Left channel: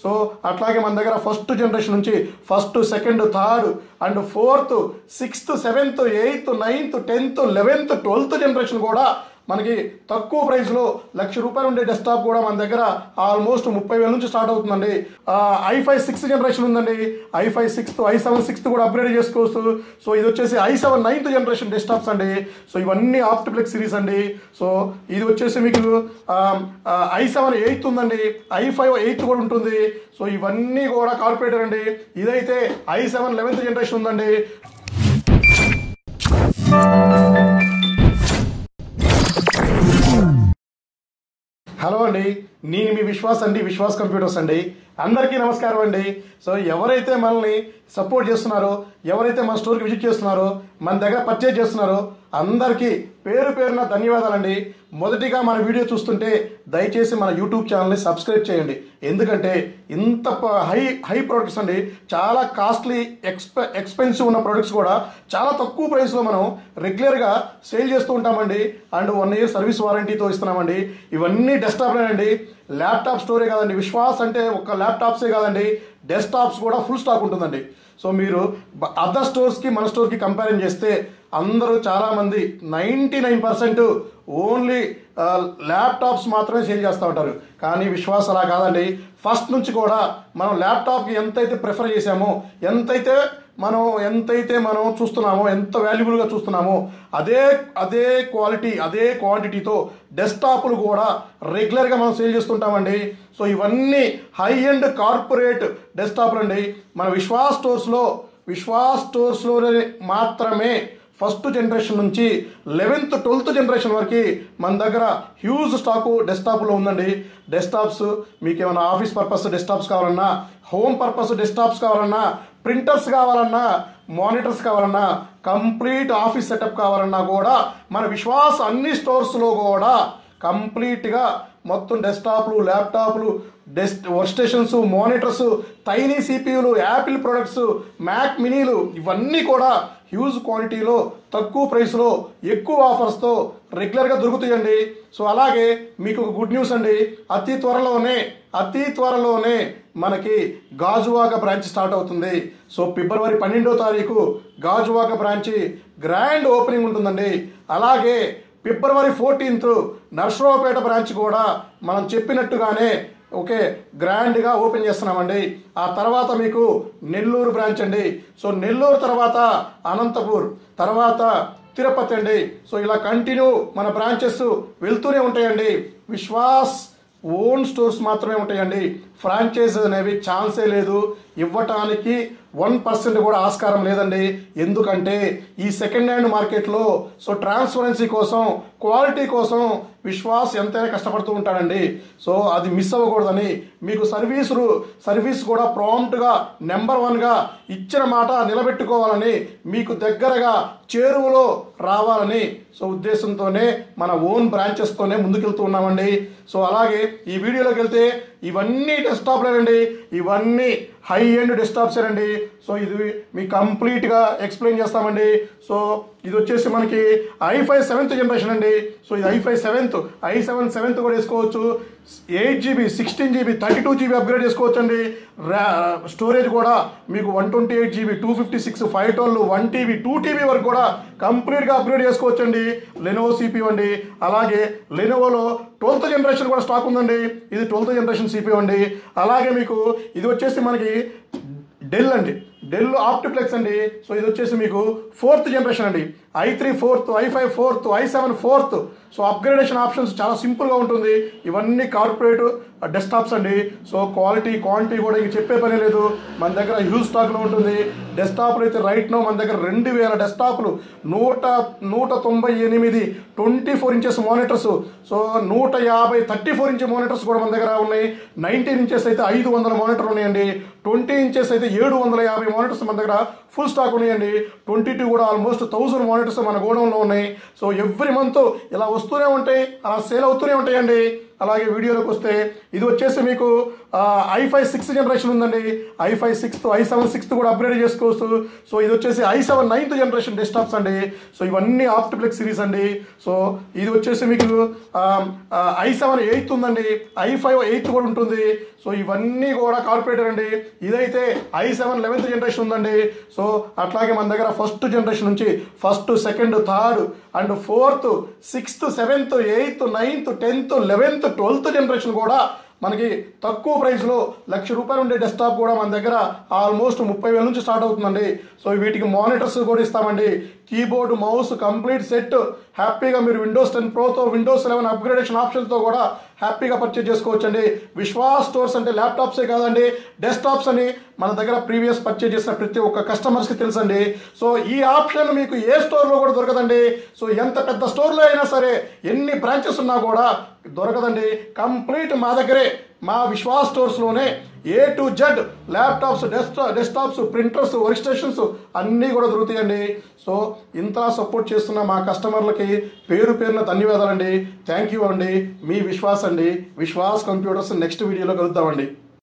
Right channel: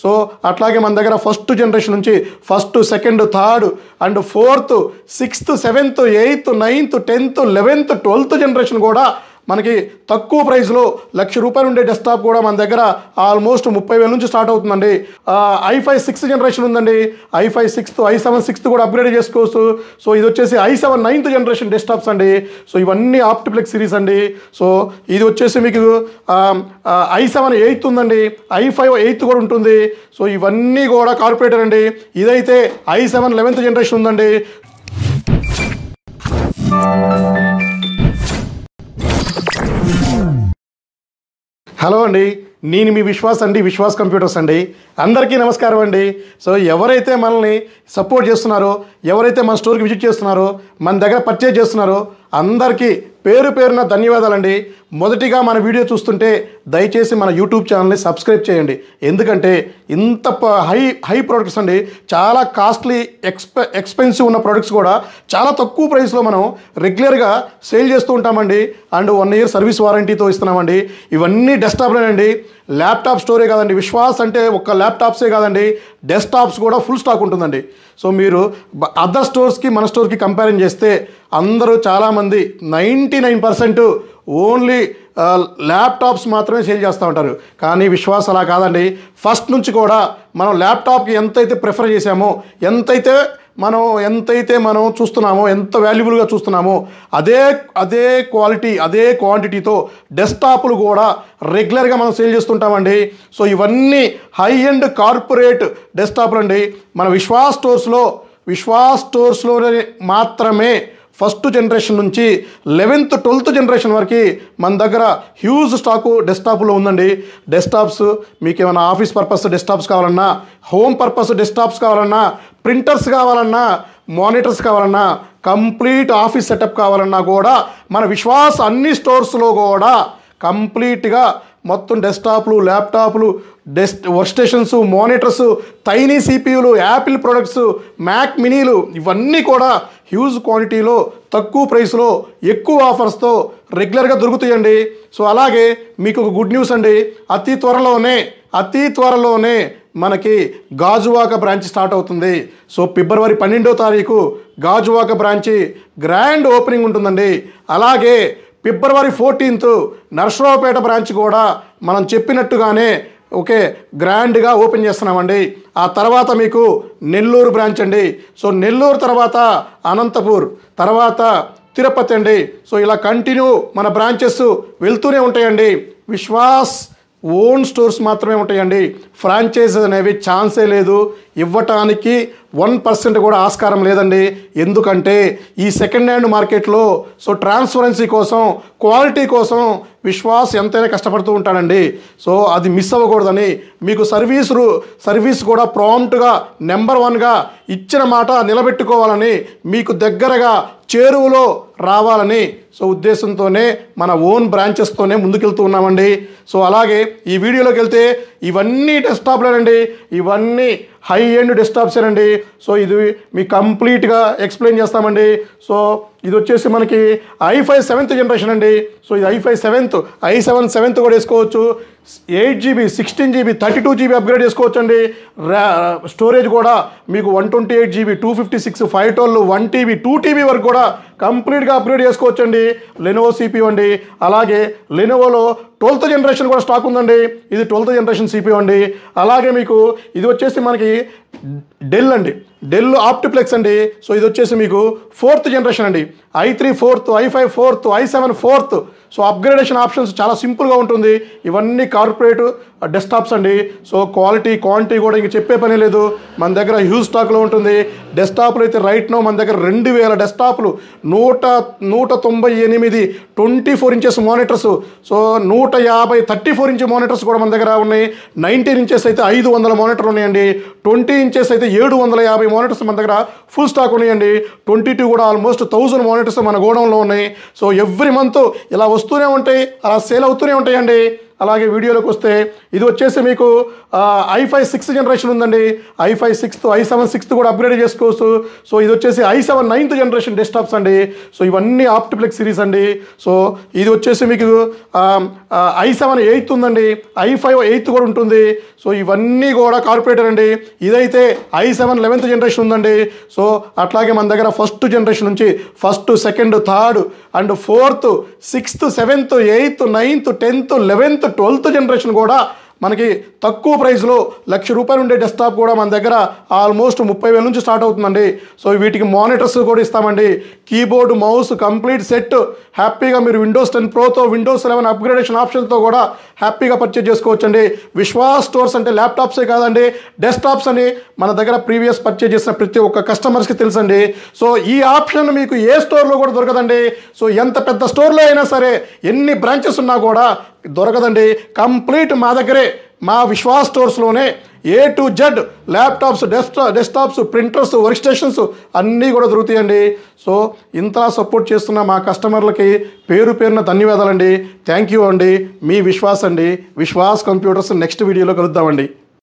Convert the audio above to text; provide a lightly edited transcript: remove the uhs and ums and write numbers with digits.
So అట్లాగే మన దగ్గర ఫస్ట్ జనరేషన్ నుంచి first, second, third and fourth, sixth, seventh, eighth, ninth, 10th, 11th, 12th generation కూడా మనకి తక్కువ ప్రైస్లో ₹1,00,000 ఉండే డెస్క్టాప్ కూడా మన దగ్గర ఆల్మోస్ట్ 30,000 నుంచి స్టార్ట్ అవుతుందండి. i5 6th జనరేషన్ ఉందండి. i5 6th, i7 6th కూడా అప్గ్రేడ్ చేసుకోవచ్చు. సో ఇది వచ్చేసి i7 9th జనరేషన్ డెస్క్టాప్స్ అండి. సో ఇవన్నీ ఆప్టిప్లెక్స్ సిరీస్ అండి. సో ఇది వచ్చేసి మీకు i7 8th ఉందండి. i5 8th కూడా ఉంటుంది. సో ఇవన్నీ కూడా కార్పొరేటర్ అండి. ఇదైతే i7 11th జనరేషన్ ఉందండి. హలో అండి, నేను మీ విశ్వాస్ అండి, విశ్వాస్ కంప్యూటర్స్ అండి. అందరికీ నమస్కారం అండి. సో ఎవరైతే మనల్ని సపోర్ట్ చేస్తున్నారో, ఎవరైతే మన స్టోర్కి విజిట్ చేస్తున్నారో, మన దగ్గర పర్చేజ్ చేస్తున్నారో అందరికీ పేరు పేరున ధన్యవాదాలండి. మొదటిగా మన వీడియో చూస్తుంటే దయచేసి మన యూట్యూబ్ ఛానల్ని సబ్స్క్రైబ్ చేయండి. ఎందుకంటే ఇంత హై ప్రోడక్ట్స్ అండి, చాలా కాస్ట్లీ ఎక్స్పెన్సివ్ ఉన్న ప్రోడక్ట్స్ కూడా చాలా తక్కువ ప్రైస్లో మనం రెగ్యులర్గా సేల్ చేస్తూ ఉంటామండి. అండ్ 1 year సర్వీస్ వారంటీతో ఇస్తున్నామండి. ఇవన్నీ డెస్క్టాప్లేనండి. ల్యాప్టాప్ స్టోరే కాదండి. విశ్వాస్ అంటే ఒక్క ల్యాప్టాప్సే కాదండి, డెస్క్టాప్స్ కూడా ఫుల్ స్టాక్ ఉంటుందండి. సో మీరు అదర్ స్టోర్స్కి మన స్టోర్కి కంపారిజన్ చేస్తే అందరూ చాలామంది 99% ఓన్లీ ల్యాప్టాప్స్ మాత్రమే సేల్ చేస్తూ ఉంటారు. కానీ విశ్వాస్ అలా కాదండి. ఫస్ట్ నుంచి కూడా మనం ల్యాప్టాప్కి ఎంతైతే ప్రిఫర్ చేసామో, ఎంతైతే మనం చూస్తున్నామో, ఎంత వాల్యుబుల్గా చూస్తున్నామో అదే క్వాలిటీ, అదే క్వాంటిటీతో డెస్క్టాప్లు కూడా రెగ్యులర్గా మనం సేల్ చేస్తుంటామండి. సో ఇవన్నీ హై ఎండ్ కార్పొరేట్ డెస్క్టాప్లు అండి. మన విశ్వాస్ స్టోర్స్లోనే మాత్రమే ఫస్ట్ జనరేషన్ నుంచి 11th, 12th జనరేషన్ వరకు మన దగ్గర హ్యూజ్ స్టాకు డెస్క్టాప్లో ఉందండి. డెస్క్టాప్స్ మీకు ఏమైనా ఆఫీస్ పర్పస్ డెస్క్టాప్స్ కావాలన్నా, హోమ్ పర్పస్ డెస్క్టాప్స్ కావాలన్నా, ప్రింటర్స్ కావాలన్నా, మానిటర్స్ కావాలన్నా, కంప్లీట్ ఆఫీస్ సెటప్ కావాలన్నా కూడా మన విశ్వాస్ అన్ని స్టోర్స్లో కూడా కంప్లీట్గా మొత్తం డెస్క్టాప్లు, ల్యాప్టాప్లు, వర్క్ స్టేషన్స్, మానిటర్స్, టైనీ సిపియూలు, యాపిల్ ప్రొడక్ట్స్, మ్యాక్ మినీలు ఇవన్నీ కూడా హ్యూజ్ క్వాంటిటీలో తక్కువ ప్రైస్లో ఎక్కువ ఆఫర్స్తో రెగ్యులర్గా దొరుకుతాయండి. సో అలాగే మీకు ఒక గుడ్ న్యూస్ అండి. అతి త్వరలోనే మనకి గాజువాక బ్రాంచ్ స్టార్ట్ అవుతుంది. సో February 12వ తారీఖు గాజువాక బ్రాంచి గ్రాండ్ ఓపెనింగ్ ఉంటుందండి. అలాగే February 14th నర్సరావుపేట బ్రాంచ్ కూడా మనం చెప్పినట్టుగానే గ్రాండ్గా ఓపెన్ చేస్తున్నామండి. ఆ తర్వాత మీకు నెల్లూరు బ్రాంచ్ అండి. సో నెల్లూరు తర్వాత అనంతపూర్, తర్వాత తిరుపతి అండి. సో ఇలా కంటిన్యూ మన బ్రాంచెస్ వెళ్తూనే ఉంటాయండి. విశ్వాస్ ఓన్ స్టోర్స్ మాత్రమే ఉంటాయండి. ఫ్రాంచైజీస్ అనేవి ఛాన్సే లేదు, ఇవ్వటానికి 1% కూడా ఆస్కారం లేదండి. ఎందుకంటే ఈ సెకండ్ హ్యాండ్ మార్కెట్లో సో ట్రాన్స్పరెన్సీ కోసం, క్వాలిటీ కోసం విశ్వాస్ ఎంతైనా కష్టపడుతూ ఉంటాడండి. సో అది మిస్ అవ్వకూడదని మీకు సర్వీస్ కూడా ప్రాంప్ట్గా నెంబర్ 1గా ఇచ్చిన మాట నిలబెట్టుకోవాలని, మీకు దగ్గరగా చేరువలో రావాలని సో ఉద్దేశంతోనే మన ఓన్ బ్రాంచెస్తోనే ముందుకెళ్తూ ఉన్నామండి. సో అలాగే ఈ వీడియోలోకి వెళ్తే ఇవన్నీ డెస్క్టాప్లేనండి, ఇవన్నీ హై ఎండ్ డెస్క్టాప్సేనండి. సో ఇది మీకు కంప్లీట్గా ఎక్స్ప్లెయిన్ చేస్తామండి. సో ఇది వచ్చేసి మనకి i5 7th జనరేషన్ అండి. సో ఇది i5 7th, i7 7th కూడా వేసుకోవచ్చు. 8GB, 16GB, 32GB అప్గ్రేడ్ చేసుకోవచ్చు అండి. స్టోరేజ్ కూడా మీకు 128GB, 256, 512, 1TB, 2TB వరకు కూడా కంప్లీట్గా అప్గ్రేడ్ చేసుకోవచ్చు అండి. లెనోవో CPU అండి. అలాగే లెనోవోలో 12th జనరేషన్ కూడా స్టాక్ ఉందండి. ఇది 12th జనరేషన్ CPU అండి. అలాగే మీకు ఇది వచ్చేసి మనకి డెల్ అండి, డెల్ ఆప్టిప్లెక్స్ అండి. సో ఇది వచ్చేసి మీకు 4th జనరేషన్ అండి. i3 4th, i5 4th, i7 4th. So upgradation options చాలా సింపుల్గా ఉంటుంది. ఇవన్నీ కార్పొరేట్ డెస్క్టాప్స్ అండి. సో క్వాలిటీ, క్వాంటిటీ కూడా ఇంక చెప్పే పని లేదు, మన దగ్గర హ్యూజ్ స్టాక్లో ఉంటుంది. డెస్క్టాప్లు అయితే రైట్ నో మన దగ్గర 2000 డెస్క్టాప్లు, 198 24 inches monitors, so 150 34 inch monitors కూడా మన దగ్గర ఉన్నాయి. 19 inches అయితే 500 మానిటర్లు ఉన్నాయండి. 20 inches అయితే 750 మానిటర్స్ మన దగ్గర ఫుల్ స్టాక్ ఉన్నాయండి. 22 కూడా ఆల్మోస్ట్ 1000 మానిటర్స్ మన గోడౌన్లో ఉన్నాయి. సో ఎవ్రీ మంత్ ఇలా వస్తూనే ఉంటాయి, అలా సేల్ అవుతూనే ఉంటాయండి. అలాగే వీడియోలోకి వస్తే ఇది వచ్చేసి మీకు i5 6th జనరేషన్ ఉందండి. i5 6th, i7 6th కూడా అప్గ్రేడ్ చేసుకోవచ్చు. సో ఇది వచ్చేసి i7 9th జనరేషన్ డెస్క్టాప్స్ అండి. సో ఇవన్నీ ఆప్టిప్లెక్స్ సిరీస్ అండి. సో ఇది వచ్చేసి మీకు i7 8th ఉందండి, i5 8th కూడా ఉంటుంది. సో ఇవన్నీ కూడా కార్పొరేటర్ అండి. ఇదైతే i7 11th జనరేషన్ ఉందండి. సో అట్లాగే మన దగ్గర ఫస్ట్ జనరేషన్ నుంచి 1st, 2nd, 3rd and 4th, 6th, 7th, 8th, 9th, 10th, 11th, 12th generation కూడా మనకి తక్కువ ప్రైస్లో ₹1,00,000 ఉండే డెస్క్టాప్ కూడా మన దగ్గర ఆల్మోస్ట్ 30,000 నుంచి స్టార్ట్ అవుతుందండి. సో వీటికి మానిటర్స్ కూడా ఇస్తామండి, కీబోర్డ్, మౌస్ కంప్లీట్ సెట్. హ్యాపీగా మీరు విండోస్ 10 ప్రోతో, విండోస్ 11 అప్గ్రేడేషన్ ఆప్షన్తో కూడా హ్యాపీగా పర్చేజ్ చేసుకోవచ్చండి. విశ్వాస్ స్టోర్స్ అంటే ల్యాప్టాప్సే కాదండి, డెస్క్టాప్స్ అని మన దగ్గర ప్రీవియస్ పర్చేజ్ చేసిన ప్రతి ఒక్క కస్టమర్స్కి తెలుసండి. సో ఈ ఆప్షన్ మీకు ఏ స్టోర్లో కూడా దొరకదండి. సో ఎంత పెద్ద స్టోర్లో అయినా సరే, ఎన్ని బ్రాంచెస్ ఉన్నా కూడా దొరకదండి. కంప్లీట్ మా దగ్గరే, మా విశ్వాస్ స్టోర్స్లోనే A to Z laptops, desktops, printers, work stations అన్నీ కూడా దొరుకుతాయండి. సో ఇంతలా సపోర్ట్ చేస్తున్న మా కస్టమర్లకి పేరు పేరున ధన్యవాదాలండి. థ్యాంక్ యూ అండి. మీ విశ్వాస్ అండి, విశ్వాస్ కంప్యూటర్స్. నెక్స్ట్ వీడియోలో కలుద్దామండి.